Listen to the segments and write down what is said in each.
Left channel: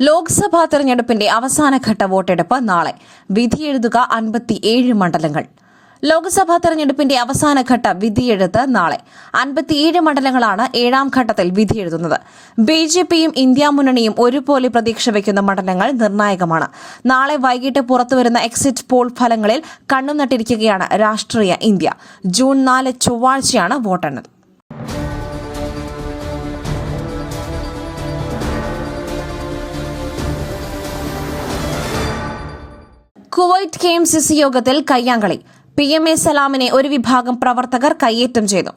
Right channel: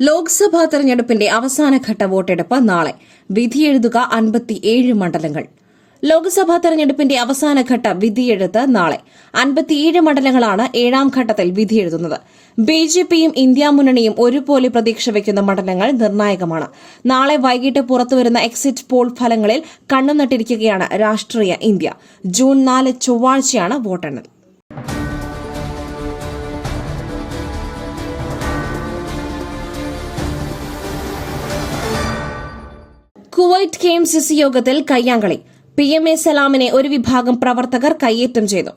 Lok Sabha തെരഞ്ഞെടുപ്പിന്റെ അവസാനഘട്ട വോട്ടെടുപ്പ് നാളെ. വിധിയെഴുതുക അൻപത്തിയേഴ് മണ്ഡലങ്ങൾ. ലോക്സഭാ തെരഞ്ഞെടുപ്പിന്റെ അവസാനഘട്ട വിധിയെഴുത്ത് നാളെ. അൻപത്തിയേഴ് മണ്ഡലങ്ങളാണ് ഏഴാം ഘട്ടത്തിൽ വിധിയെഴുതുന്നത് ബി ജെ പിയും ഇന്ത്യ മുന്നണിയും ഒരുപോലെ പ്രതീക്ഷ വയ്ക്കുന്ന മണ്ഡലങ്ങൾ നിർണായകമാണ്. നാളെ വൈകിട്ട് പുറത്തുവരുന്ന എക്സിറ്റ് പോൾ ഫലങ്ങളിൽ കണ്ണുനട്ടിരിക്കുകയാണ് രാഷ്ട്രീയ ഇന്ത്യ. ജൂൺ നാല് ചൊവ്വാഴ്ചയാണ് വോട്ടെണ്ണൽ. Kuwait K M C C യോഗത്തിൽ കയ്യാങ്കളി. പി എം എ സലാമിനെ ഒരു വിഭാഗം പ്രവർത്തകർ കയ്യേറ്റം ചെയ്തു.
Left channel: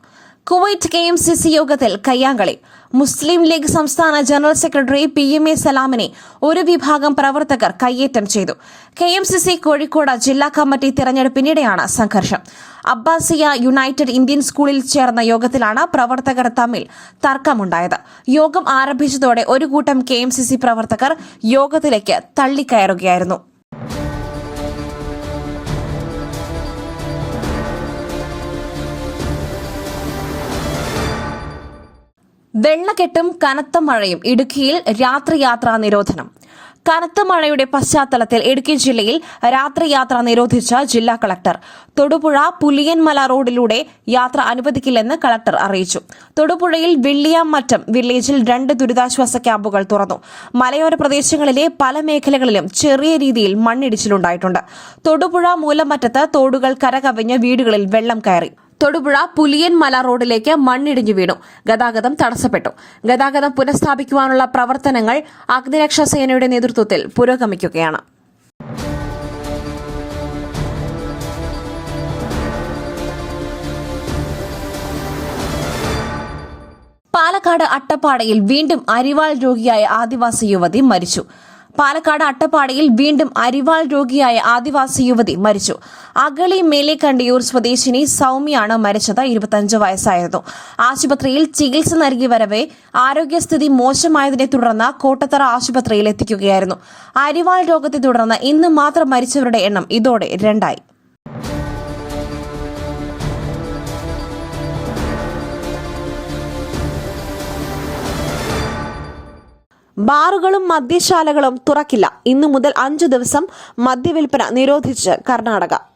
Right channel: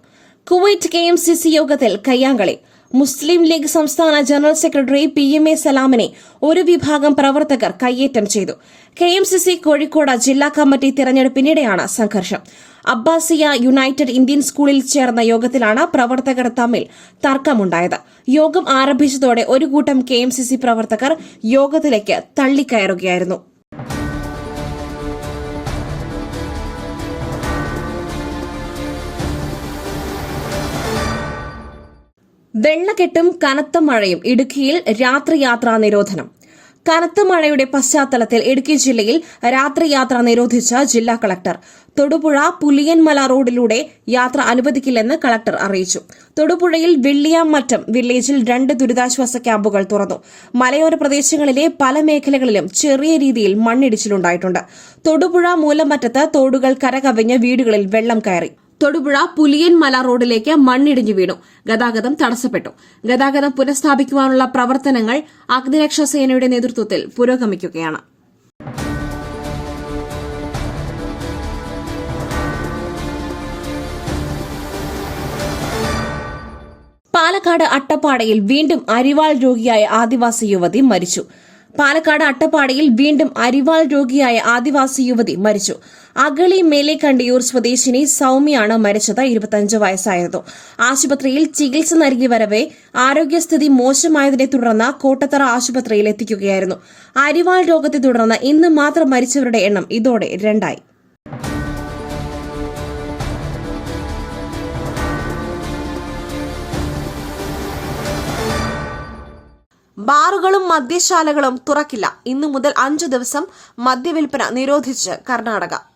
Kuwait K M C C യോഗത്തിൽ കയ്യാങ്കളി. മുസ്ലിം ലീഗ് സംസ്ഥാന general secretary P M A സലാമിനെ ഒരു വിഭാഗം പ്രവർത്തകർ കയ്യേറ്റം ചെയ്തു. K M C C Kozhikode ജില്ലാ കമ്മിറ്റി തെരഞ്ഞെടുപ്പിനിടെയാണ് സംഘർഷം. അബ്ബാസിയ യുണൈറ്റഡ് ഇന്ത്യൻ സ്കൂളിൽ ചേർന്ന യോഗത്തിലാണ് പ്രവർത്തകർ തമ്മിൽ തർക്കമുണ്ടായത്. യോഗം ആരംഭിച്ചതോടെ ഒരു കൂട്ടം കെ പ്രവർത്തകർ യോഗത്തിലേക്ക് തള്ളിക്കയറുകയായിരുന്നു. വെള്ളക്കെട്ടും കനത്ത മഴയും ഇടുക്കിയിൽ രാത്രിയാത്രാ നിരോധനം. കനത്ത മഴയുടെ പശ്ചാത്തലത്തിൽ ഇടുക്കി ജില്ലയിൽ രാത്രിയാത്ര നിരോധിച്ച ജില്ലാ കളക്ടർ. തൊടുപുഴ പുലിയൻമല റോഡിലൂടെ യാത്ര അനുവദിക്കില്ലെന്ന് കളക്ടർ അറിയിച്ചു. തൊടുപുഴയിൽ വെള്ളിയാമറ്റം വില്ലേജിൽ രണ്ട് ദുരിതാശ്വാസ ക്യാമ്പുകൾ തുറന്നു. മലയോര പ്രദേശങ്ങളിലെ പല മേഖലകളിലും ചെറിയ രീതിയിൽ മണ്ണിടിച്ചിലുണ്ടായിട്ടുണ്ട്. തൊടുപുഴ മൂലമറ്റത്ത് തോടുകൾ കരകവിഞ്ഞ് വീടുകളിൽ വെള്ളം കയറി. തൊടുപുഴ പുലിയൻമല റോഡിലേക്ക് മണ്ണിടിഞ്ഞു വീണു. ഗതാഗതം തടസ്സപ്പെട്ടു. ഗതാഗതം പുനഃസ്ഥാപിക്കുവാനുള്ള പ്രവർത്തനങ്ങൾ അഗ്നിരക്ഷാ സേനയുടെ നേതൃത്വത്തിൽ പുരോഗമിക്കുകയാണ്. പാലക്കാട് അട്ടപ്പാടയിൽ വീണ്ടും അരിവാൾ രോഗിയായ ആദിവാസി യുവതി മരിച്ചു. പാലക്കാട് അട്ടപ്പാടിയിൽ വീണ്ടും അരിവാൾ രോഗിയായ ആദിവാസി യുവതി മരിച്ചു. അഗളി മേലേക്കണ്ടിയൂർ സ്വദേശിനി സൌമ്യാണ് മരിച്ചത് ഇരുപത്തിയഞ്ച് വയസ്സായിരുന്നു. ആശുപത്രിയിൽ ചികിത്സ നൽകി വരവെ ആരോഗ്യസ്ഥിതി മോശമായതിനെ തുടർന്ന് കോട്ടത്തറ ആശുപത്രിയിൽ എത്തിക്കുകയായിരുന്നു. അരിവാൾ രോഗത്തെ തുടർന്ന് ഇന്ന് മാത്രം മരിച്ചവരുടെ എണ്ണം ഇതോടെ രണ്ടായി. ബാറുകളും മദ്യശാലകളും തുറക്കില്ല. ഇന്നു മുതൽ അഞ്ചു ദിവസം മദ്യവിൽപ്പന നിരോധിച്ച് കർണാടക.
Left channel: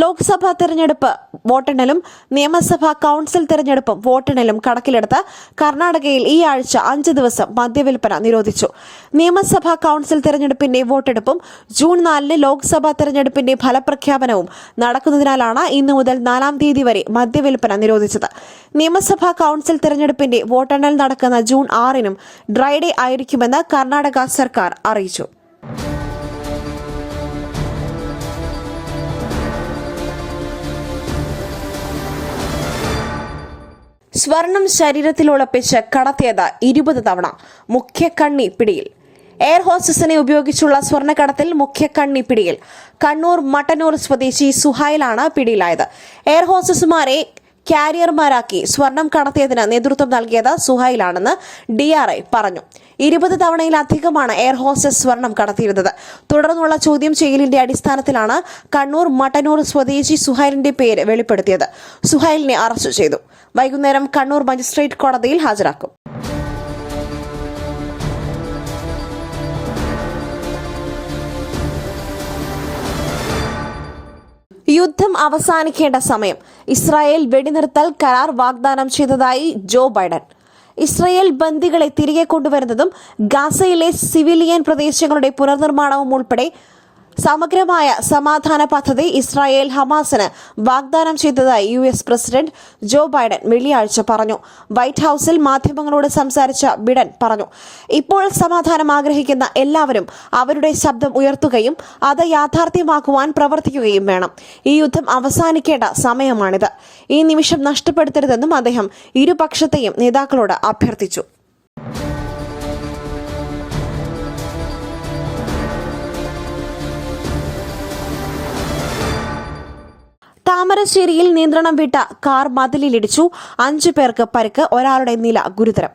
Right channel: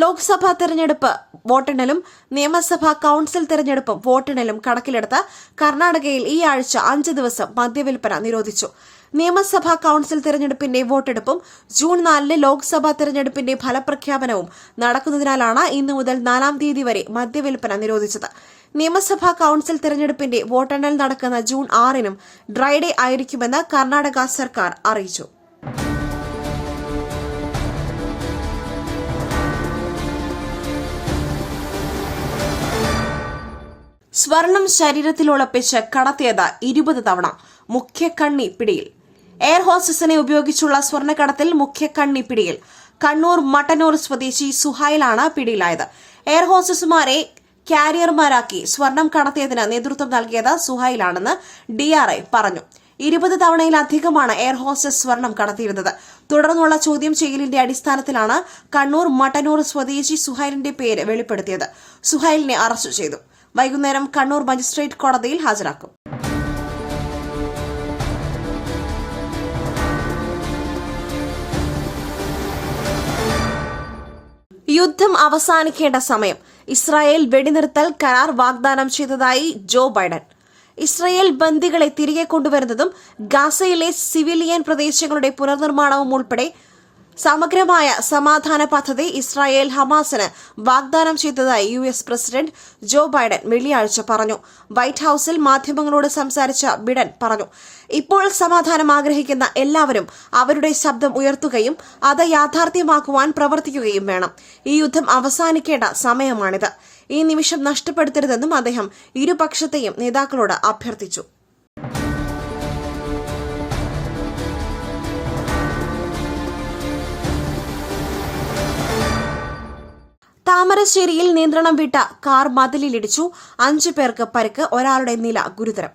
ലോക്സഭാ തെരഞ്ഞെടുപ്പ് വോട്ടെണ്ണലും നിയമസഭാ കൌൺസിൽ തെരഞ്ഞെടുപ്പും വോട്ടെണ്ണലും കണക്കിലെടുത്ത് കർണാടകയിൽ ഈ ആഴ്ച അഞ്ച് ദിവസം മദ്യവിൽപ്പന നിരോധിച്ചു. നിയമസഭാ കൌൺസിൽ തെരഞ്ഞെടുപ്പിന്റെ വോട്ടെടുപ്പും ജൂൺ നാലിന് ലോക്സഭാ തെരഞ്ഞെടുപ്പിന്റെ ഫലപ്രഖ്യാപനവും നടക്കുന്നതിനാലാണ് ഇന്ന് മുതൽ നാലാം തീയതി വരെ മദ്യവിൽപ്പന നിരോധിച്ചത്. നിയമസഭാ കൌൺസിൽ തെരഞ്ഞെടുപ്പിന്റെ വോട്ടെണ്ണൽ നടക്കുന്ന ജൂൺ ആറിനും ഡ്രൈഡേ ആയിരിക്കുമെന്ന് കർണാടക സർക്കാർ അറിയിച്ചു. സ്വർണം ശരീരത്തിൽ ഉളപ്പിച്ച് കടത്തിയത് ഇരുപത് തവണ. മുഖ്യ കണ്ണി പിടിയിൽ. എയർ ഹോസ്റ്റസിനെ ഉപയോഗിച്ചുള്ള സ്വർണക്കടത്തിൽ മുഖ്യ കണ്ണി പിടിയിൽ. കണ്ണൂർ മട്ടന്നൂർ സ്വദേശി സുഹൈലാണ് പിടിയിലായത്. എയർ ഹോസ്റ്റസുമാരെ കാരിയർമാരാക്കി സ്വർണം കടത്തിയതിന് നേതൃത്വം നൽകിയത് സുഹൈലാണെന്ന് ഡിആർഐ പറഞ്ഞു. ഇരുപത് തവണയിലധികമാണ് എയർ ഹോസ്റ്റസ് സ്വർണം കടത്തിയിരുന്നത്. തുടർന്നുള്ള ചോദ്യം ചെയ്യലിന്റെ അടിസ്ഥാനത്തിലാണ് കണ്ണൂർ മട്ടന്നൂർ സ്വദേശി സുഹൈലിന്റെ പേര് വെളിപ്പെടുത്തിയത്. സുഹൈലിനെ അറസ്റ്റ് ചെയ്തു. വൈകുന്നേരം കണ്ണൂർ മജിസ്ട്രേറ്റ് കോടതിയിൽ ഹാജരാക്കും. യുദ്ധം അവസാനിക്കേണ്ട സമയം. ഇസ്രായേൽ വെടിനിർത്തൽ കരാർ വാഗ്ദാനം ചെയ്തതായി ജോ ബൈഡൻ. ഇസ്രായേൽ ബന്ദികളെ തിരികെ കൊണ്ടുവരുന്നതും ഗാസയിലെ സിവിലിയൻ പ്രദേശങ്ങളുടെ പുനർനിർമ്മാണവും ഉൾപ്പെടെ സമഗ്രമായ സമാധാന പദ്ധതി ഇസ്രായേൽ ഹമാസിന് വാഗ്ദാനം ചെയ്തതായി U S president Joe Biden വെള്ളിയാഴ്ച പറഞ്ഞു. വൈറ്റ് ഹൌസിൽ മാധ്യമങ്ങളോട് സംസാരിച്ച ബിഡൻ പറഞ്ഞു. ഇപ്പോൾ സമാധാനം ആഗ്രഹിക്കുന്ന എല്ലാവരും അവരുടെ ശബ്ദം ഉയർത്തുകയും അത് യാഥാർത്ഥ്യമാക്കുവാൻ പ്രവർത്തിക്കുകയും വേണം. ഈ യുദ്ധം അവസാനിക്കേണ്ട സമയമാണിത്. ഈ നിമിഷം നഷ്ടപ്പെടുത്തരുതെന്നും അദ്ദേഹം ഇരുപക്ഷത്തെയും നേതാക്കളോട് അഭ്യർത്ഥിച്ചു. താമരശ്ശേരിയിൽ നിയന്ത്രണം വിട്ട കാർ മതിലിലിടിച്ചു. അഞ്ചു പേർക്ക് പരിക്ക് ഒരാളുടെ നില ഗുരുതരം.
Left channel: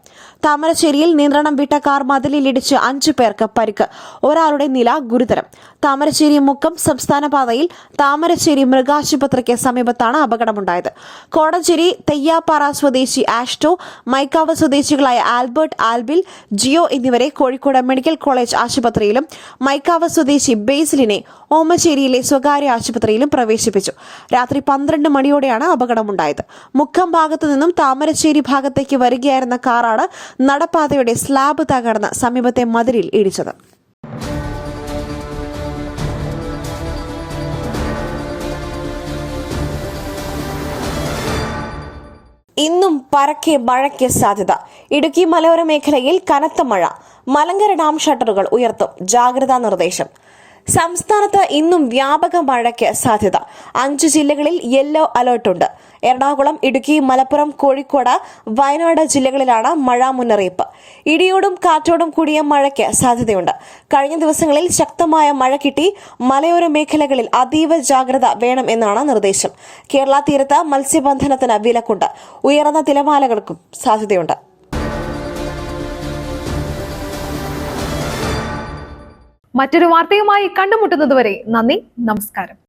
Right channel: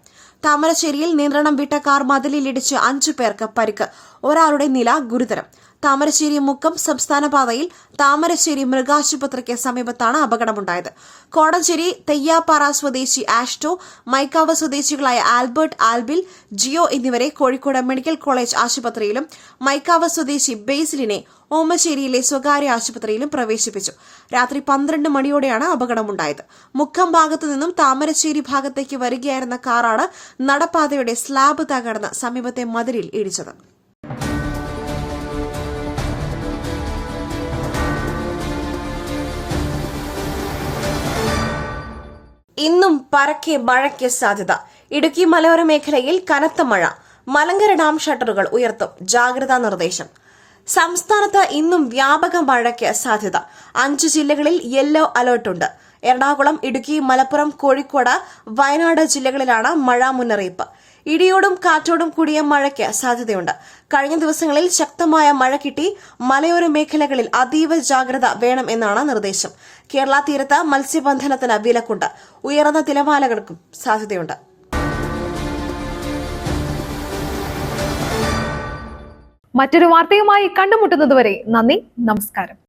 താമരശ്ശേരിയിൽ നിയന്ത്രണം വിട്ട കാർ മതിലിലിടിച്ച് അഞ്ചു പേർക്ക് പരിക്ക് ഒരാളുടെ നില ഗുരുതരം. താമരശ്ശേരി മുക്കം സംസ്ഥാന പാതയിൽ താമരശ്ശേരി മൃഗാശുപത്രിക്ക് സമീപത്താണ് അപകടമുണ്ടായത്. കോടഞ്ചേരി തെയ്യാപ്പാറ സ്വദേശി ആഷ്ടോ മൈക്കാവ് സ്വദേശികളായ ആൽബർട്ട് ആൽബിൽ ജിയോ എന്നിവരെ കോഴിക്കോട് മെഡിക്കൽ കോളേജ് ആശുപത്രിയിലും മൈക്കാവ് സ്വദേശി ബേസിലിനെ ഓമശ്ശേരിയിലെ സ്വകാര്യ ആശുപത്രിയിലും പ്രവേശിപ്പിച്ചു. രാത്രി പന്ത്രണ്ട് മണിയോടെയാണ് അപകടമുണ്ടായത്. മുക്കം ഭാഗത്തു നിന്നും താമരശ്ശേരി ഭാഗത്തേക്ക് വരികയായിരുന്ന കാറാണ് നടപ്പാതയുടെ സ്ലാബ് തകർന്ന് സമീപത്തെ മതിലിൽ ഇടിച്ചത്. ഇന്നും പരക്കെ മഴയ്ക്ക് സാധ്യത. ഇടുക്കി മലയോര മേഖലയിൽ കനത്ത മഴ. മലങ്കര ഡാം ഷട്ടറുകൾ ഉയർത്തും. ജാഗ്രതാ നിർദ്ദേശം. സംസ്ഥാനത്ത് ഇന്നും വ്യാപക മഴയ്ക്ക് സാധ്യത. അഞ്ച് ജില്ലകളിൽ യെല്ലോ അലർട്ടുണ്ട്. എറണാകുളം ഇടുക്കി മലപ്പുറം കോഴിക്കോട് വയനാട് ജില്ലകളിലാണ് മഴ മുന്നറിയിപ്പ്. ഇടിയോടും കാറ്റോടും കൂടിയ മഴയ്ക്ക് സാധ്യതയുണ്ട്. കഴിഞ്ഞ ദിവസങ്ങളിൽ ശക്തമായ മഴ കിട്ടി. മലയോര മേഖലകളിൽ അതീവ ജാഗ്രത വേണം എന്നാണ് നിർദ്ദേശം. കേരള തീരത്ത് മത്സ്യബന്ധനത്തിന് വിലക്കുണ്ട്. ഉയർന്ന തിരമാലകൾക്കും സാധ്യതയുണ്ട്. മറ്റൊരു വാർത്തയുമായി കണ്ടുമുട്ടുന്നതുവരെ നന്ദി നമസ്കാരം.